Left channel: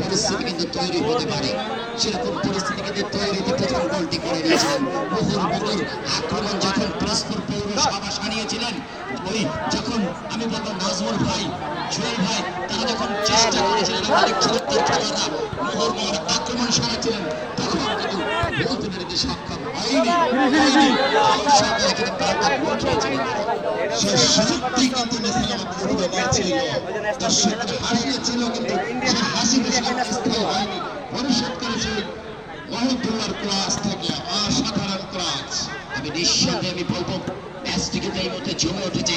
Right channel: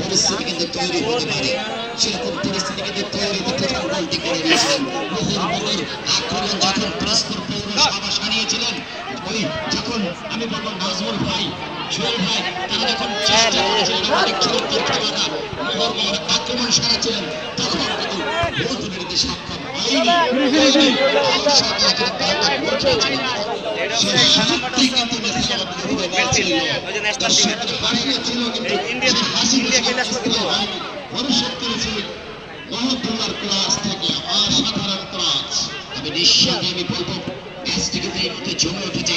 পরিস্থিতি কিন্তু তৈরি হতে পারে, সেরকম পরিস্থিতি কিন্তু তৈরি হতে গোলটি করে দিয়েছিলেন। মুহুর্মুহুর আক্রমণ যখন পিরোজপুর পৌরসভা সারিয়েছিলেন, ওই যখন আমি বলবো নাজমুল ভাই, জুয়েল ভাই, তারা যখন চেষ্টা করেছিলেন অনেক খেলোয়াড়দের খেলোয়াড়রা মুহুর্মুহুর আক্রমণ সারাচ্ছিলেন, তখন কিন্তু গোল তুলে দিতে সক্ষম হয়নি। সেই শক্তি কিন্তু দিতে পারছিলেন তার সেখানে হারিয়েছিল, কিন্তু ভবিষ্যৎকালে সেই মহৎ ক্লাস থেকে অসাধারণ ক্লাস। আমি নিঃসন্দেহে আমি বলবো ম্যাচটি কিন্তু এই মুহূর্তে জমে উঠেছে।